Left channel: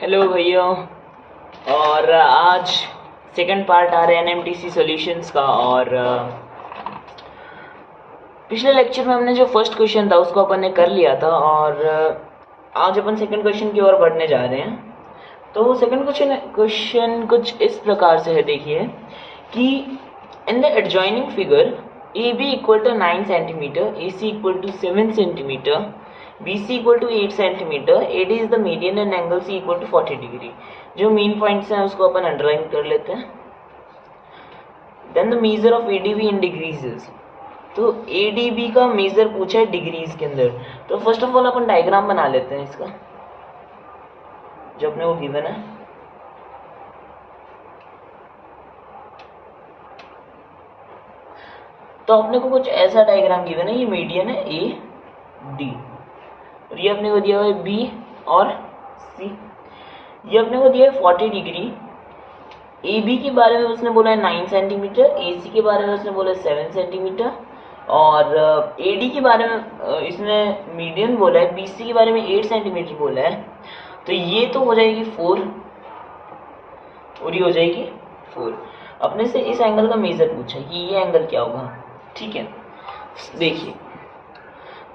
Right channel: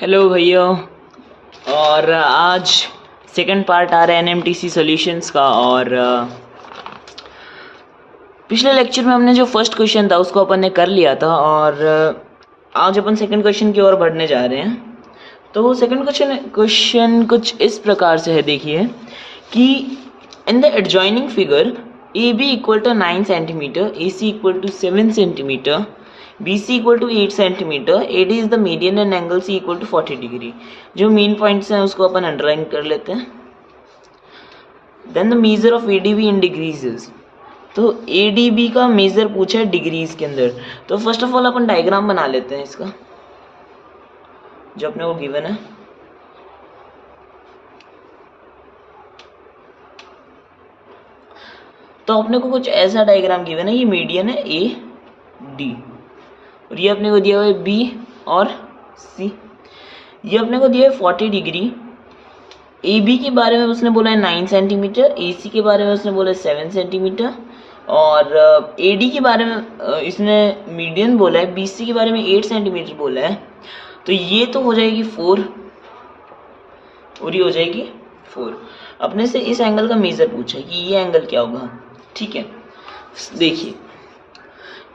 Hello भैया। और आज सेकंड पार्ट आ रहा है एनएमटीसी सॉल्यूशंस का। और पिछले लेक्चर में हमने जो फर्स्ट क्वेश्चन था उसको अपन ने कर लिया था, और आज अपन सेकंड क्वेश्चन की ओर बढ़ने जा रहे हैं। तो सेकंड क्वेश्चन कुछ इस प्रकार से है, देखिए कि in the adjoining figure A B equal to 9 centimetre, A C equal to 7 centimetre, BC equal to 8 centimetre, AD is the median and angle C equal to 40 degree. जो मेन पॉइंट्स हैं उसको अपन अंडरलाइन कर लेते हैं। Then the measure of ADB in degrees. तो ADB का measure पूछा है डिग्रीज के अंदर। तो फर्स्ट ऑफ ऑल अपन डायग्राम बना लेते हैं इसका, जो अपने को गिवन है। तो अपने को कुछ ऐसा डायग्राम गिवन है, ये मीडियन है AD, और ये अपने को दिया हुआ है B और C। ये अपने को दिया है 40 डिग्री। AB के बारे में उसने बोला है 9 सेंटीमीटर, AC के बारे में उसने बोला है 7 सेंटीमीटर, और AD के बारे में इसने मीडियन बोला है, BC के बारे में 8 सेंटीमीटर बोला है। तो ये तो हो जाएगी 4 और ये हो जाएगी 4। अपने से इस एंगल का मेजर पूछा है कि ये एंगल क्या होगा। ठीक है, देखिए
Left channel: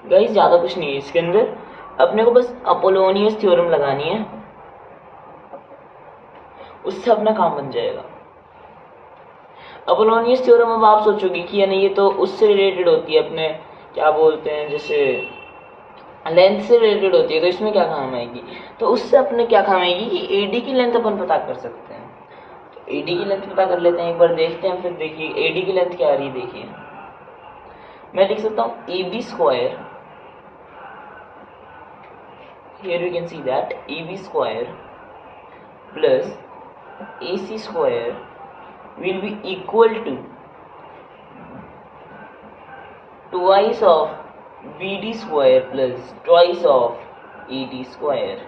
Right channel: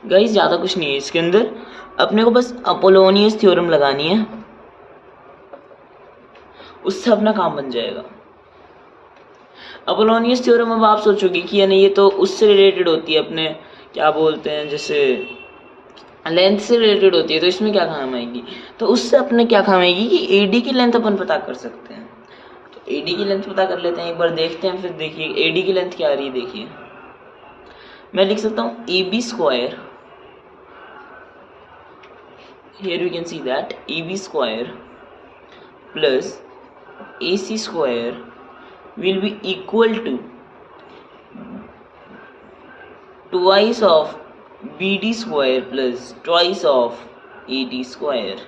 गाइस, ज़्यादा कुछ नहीं है इसके अंदर। अपने को बस अपोलोनियस थ्योरम लगानी है, उससे अपना काम बन जाएगा। अपोलोनियस थ्योरम, अब आप सोचोगे कि यानी ये तो उससे रिलेटेड होती है, अपने क्या बोलते हैं, जैसे लेंथ से रिलेटेड होती है, तो इसमें क्या काम आएगी। तो उससे अपने क्या काम आएगी कि AD की लेंथ अपन पता कर सकते हैं। तो AD की लेंथ पता कर लेते हैं, एक बार देखते हैं। फिर देखिए AD की लेंथ क्या आ रही है। देखिए मैं लिख सकता हूँ AB square, here we can see that AB square plus AC square will be equal to twice of BD square plus twice of AD square।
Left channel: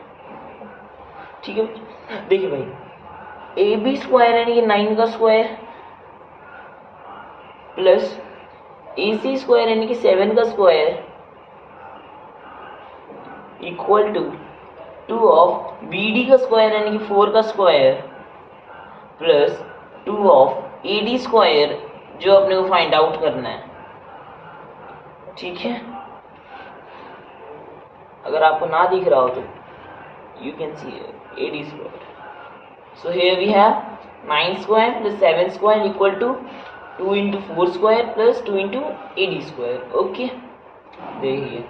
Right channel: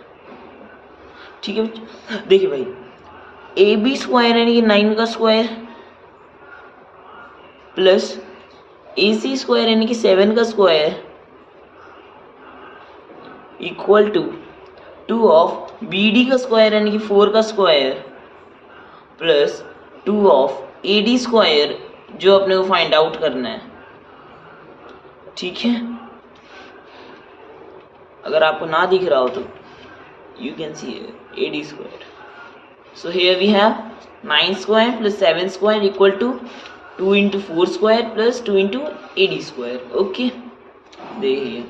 ठीक है, देखिए भाई, AB स्क्वायर यानी कि 9 का स्क्वायर प्लस AC स्क्वायर यानी कि 7 का square equal to 2 of BD का स्क्वायर यानी कि 4 का square plus 2 of AD square, जो अपने को फाइंड आउट करना है। ठीक है, अगर आपको ना दिख रहा हो तो you can see AD square. So here we have 9 square plus 7 square equal to 2 into 4 square plus 2 into AD square. Okay, देखिए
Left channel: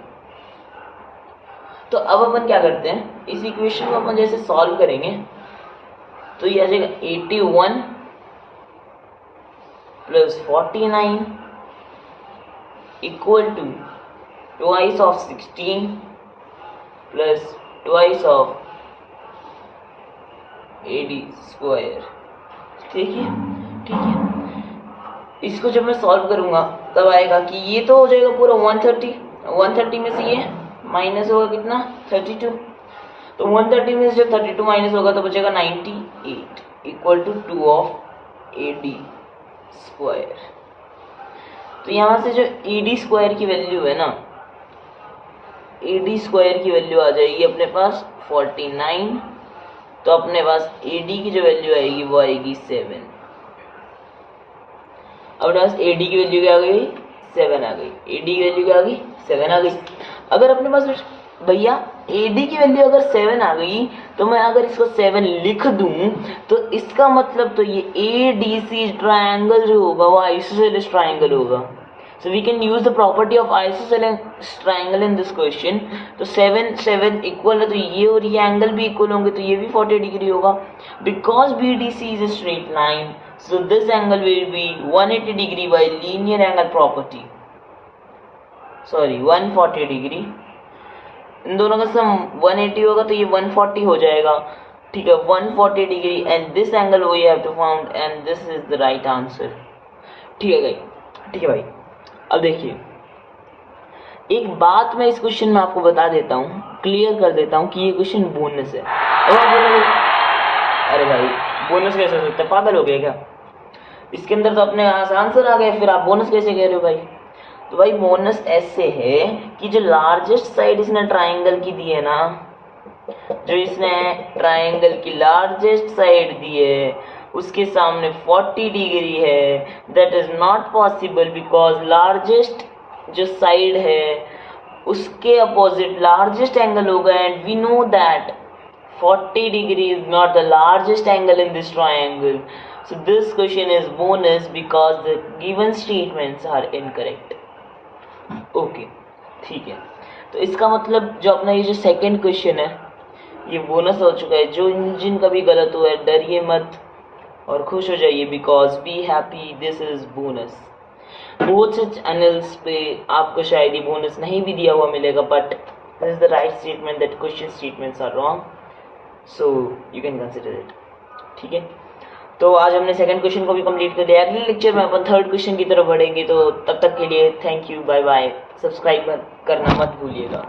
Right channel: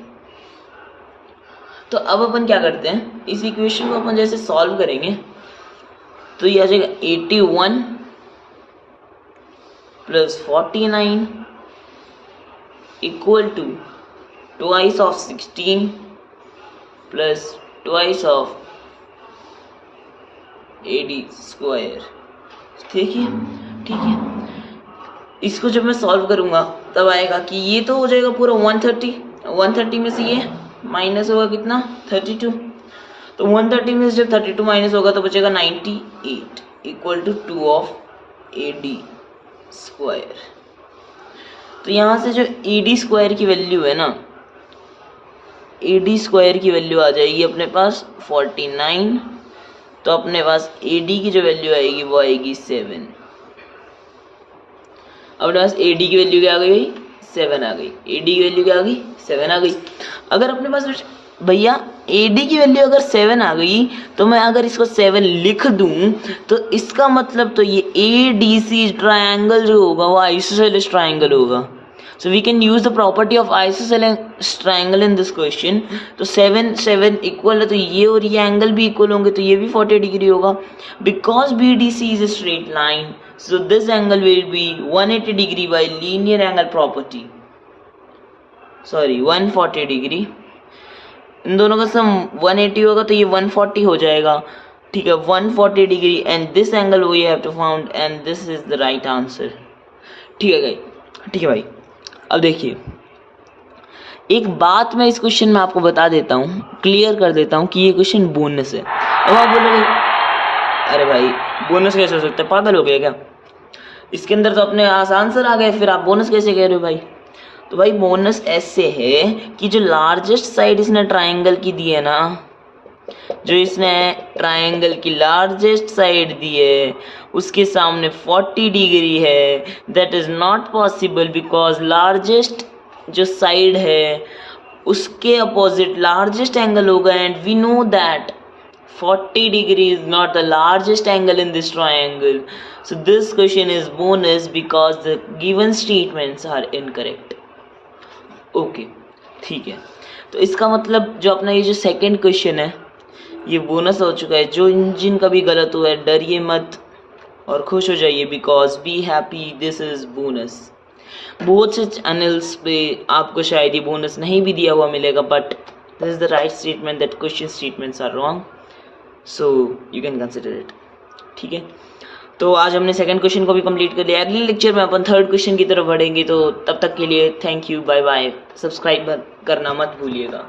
तो अब अपन क्या करते हैं, इस इक्वेशन को अपन जैसे सॉल्व करेंगे तो ये आ जाएगा 81 plus 49 equal to twice of 16 plus twice of AD square. ठीक है, इसको जब मैं सॉल्व करूंगा तब आएगा कि ये तो हो जाएगा पूरा 130 में से ये माइनस होगा कितना, 32। तो 130 में से जब 32 माइनस होगा तो बचेगा 98 equal to 2 of AD square. तो यहाँ से जो AD स्क्वायर की वैल्यू है ना, AD स्क्वायर की वैल्यू आ जाएगी अपने पास 49। तो अपने पास AD की जो वैल्यू आएगी वो आएगी 7। अपने पास AD की वैल्यू क्या आ गई, 7 आ गई। AD की वैल्यू क्या आ गई, 7 आ गई। अगर अपने पास भैया AD की वैल्यू अगर 7 आ गई, तो मैं अगर इसको 7 लिख दूं तो इसका मतलब तो ये ADC ट्रायंगल जो होगा वो आइसोसेलेस ट्रायंगल होगा। So we can use the property of isosceles triangle in this question. तो 7 इक्वल है, तो ये और ये एंगल भी इक्वल होंगे, तो ये भी 40 डिग्री होगा। Because BDC is a straight line, so this angle will be 180 degree by linear angle property, sorry 140 degree. इन दोनों का सम 180 होगा तो ये 140 हो जाएगा। ठीक है, 140 degree and this angle we have to found and this is the right answer. ठीक है भाई, अब देखिए एक बात मैं इस क्वेश्चन में आपको बता देता हूँ, क्लियर कर देता हूँ कि ये क्वेश्चन बोनस है। अब आप बोलोगे अरे भाई बोनस कैसे हो सकता है, पागल हो गए क्या, इसके अंदर तो अपने आंसर आ गए, फिर आप बोनस कैसे कह रहे हो भाई। तो भाई बोनस ऐसे है कि जो लार्जेस्ट साइड इसने ट्रायंगल की दी है ना, जो इसने ट्रायंगल की लार्जेस्ट साइड दी है उसके सामने 40 डिग्री है, that is not possible because largest जो साइड है उसके अपोजिट लार्जेस्ट एंगल होगा and we know that 40 degree is not the largest angle in this triangle. So this question is bonus because the given statements are incorrect. Okay, ठीक है, तो इसका मतलब जो अपना ये जो सेकंड क्वेश्चन है ये बोनस हो चुका है। जो जिनका भी गलत हुआ है डरिए मत और खुश हो जाइए because be happy, this is bonus. बहुत से चैनल्स पे आपको शायद ये बोनस नहीं भी दिया हुआ मिलेगा, but this is the right statement that question statements are wrong, so you can consider it. ठीक है, तो आज हमने सेकंड क्वेश्चन को भी कंप्लीट कर लिया। अगले लेक्चर में अपन थर्ड क्वेश्चन की तरफ बढ़ेंगे, तो तब तक के लिए thank you, bye bye. Subscribe करना मत भूलिएगा।